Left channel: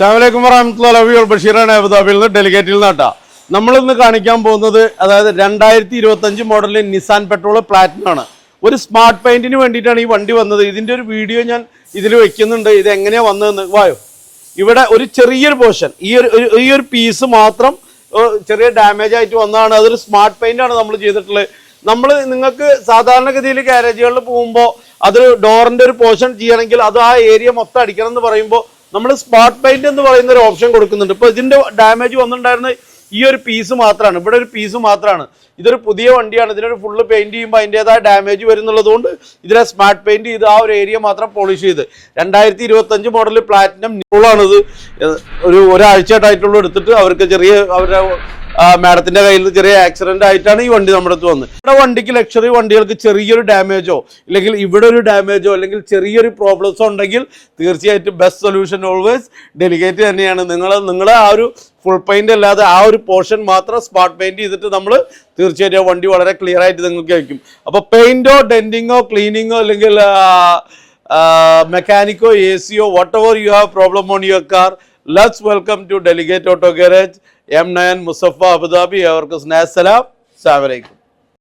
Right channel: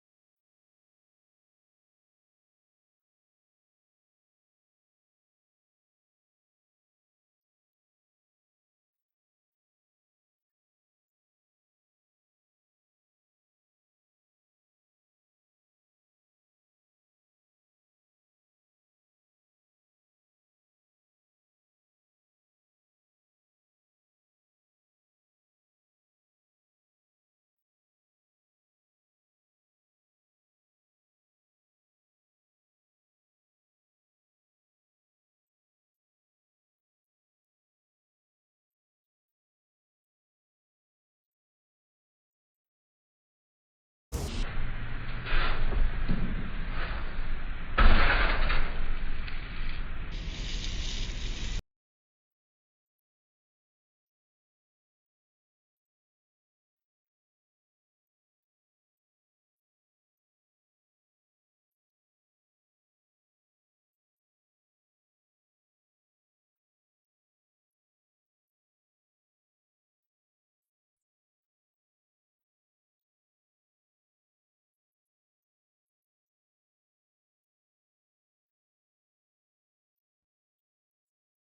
അസ്സലാമു വറഹ്മത്തുള്ളാഹി ബഷീറാണ് അബുദാബിയിൽ നിന്ന് ഡെലിഗേറ്റിൽ നിന്നാട്ടാ. നമ്മളിന്ന് കാണിക്കാൻ പോകുന്നത് അതായത് 2025 മോഡലിൽ നിസാൻ പെട്രോൾ പ്ലാറ്റിനം ആണ്. ഒരു സ്മാർട്ട് പെയിന്റിന് വേണ്ടിയിട്ടാണ് ഈ വണ്ടി വന്നത്. ഇതിന്റെ ഒരു വീഡിയോ ഞാൻ ഇതിൽ വെക്കുന്നുണ്ട്. ഇത് എങ്ങനെയാ വന്നതെന്ന് വായോ. ഇവിടെ ഒരു ചെറിയൊരു പോർഷൻ ഈ ഒരു പീസ് മാത്രം ചെറിയ ഡാമേജ് ആയിട്ട് വന്നതാണ്. അതൊരു സ്മാർട്ട് പെയിന്റ് ആണ് നമ്മൾ ചെയ്തിട്ടുള്ളത്. നമ്മൾ നിങ്ങൾക്ക് സാധാരണഗതിയിൽ ഗാരേജുകളിൽ പോകുമ്പോൾ അത് ഡോറിന്റെ ഒരു പോർഷൻ ചെയ്യണമെങ്കിൽ അത് ആ ഏരിയ മൊത്തം അടിക്കണം എന്ന് പറയുമ്പോൾ നമ്മൾ സ്മാർട്ട് പെയിന്റ് എന്ന് പറയുന്ന ഒരു ഓപ്ഷൻ കൊടുക്കുന്നുണ്ട്. ഇപ്പൊ ഇതിന്റെ ഡാമേജ് വന്നിട്ടുണ്ടായിരുന്ന ഈ ഒരു പീസ് മാത്രമാണ്, ഇവിടെ ഒരു പീസ് മാത്രമാണ്. ഇതൊരു പുതിയ വണ്ടിയാണ്. ഇതിനൊരു ഫുള്ള് പെയിന്റ് ചെയ്യുമ്പോൾ അതിൻ്റെതായ ഡാമേജ് വരുന്നുള്ളത് കൊണ്ട് ഇതിനെ സ്മാർട്ട് പെയിന്റ് ചെയ്ത് ആ ഒരു ഏരിയ മാത്രം പോളിഷ് ചെയ്ത് 2025 മോഡൽ പ്ലാറ്റിനം ന്യൂളാണിത്. ഒരാഴ്ചയായിട്ടുള്ള എടുത്തിട്ട് അവർക്ക് ചെറിയ അവരുടെ മാഡത്തിന്റെ കയ്യിൽ ചെറിയ ആക്സിഡന്റ് ആയിട്ടാണ് ഈ വണ്ടി നമ്മുടെ അടുത്ത് വന്നത്. ഇവിടെ വണ്ടിക്ക് ലക്ഷറി വണ്ടികൾക്ക് ചെറിയൊരു ഡാമേജോ അല്ലെങ്കിൽ ഇവിടെ ഒരു ഡാമേജോ അല്ലെങ്കിൽ ചെറിയൊരു പ്രോബ്ലംസോ ഉണ്ടെങ്കിൽ തീർച്ചയായിട്ടും ബെസ്റ്റ് സൊല്യൂഷൻ ഓൾവേസ് ഡെലിഗേറ്റ് തന്നെയാണ്. നിങ്ങളെ ആ ഒരു ഫുൾ പെയിന്റ് അല്ലാതെ ആ ഒരു പോർഷൻ മാത്രം സ്മാർട്ട് പെയിന്റ് ചെയ്തിട്ട് നമ്മൾ തീർച്ചയായിട്ടും വണ്ടി വളരെ ക്ലിയർ ആയിട്ട് നിങ്ങൾക്ക് വയ്ക്കും. അപ്പോൾ പെയിന്റോ ഡെന്റിങ്ങോ ക്ലീനിങ്ങോ അല്ലെങ്കിൽ മെക്കാനിക്കോ AC whatever you have problem on your car, let's welcome to delegate auto garage M9 Musaffah Abu Dhabi. അവർക്ക് സ്നേഹ സലാം. അസ്സലാമു അലൈക്കും.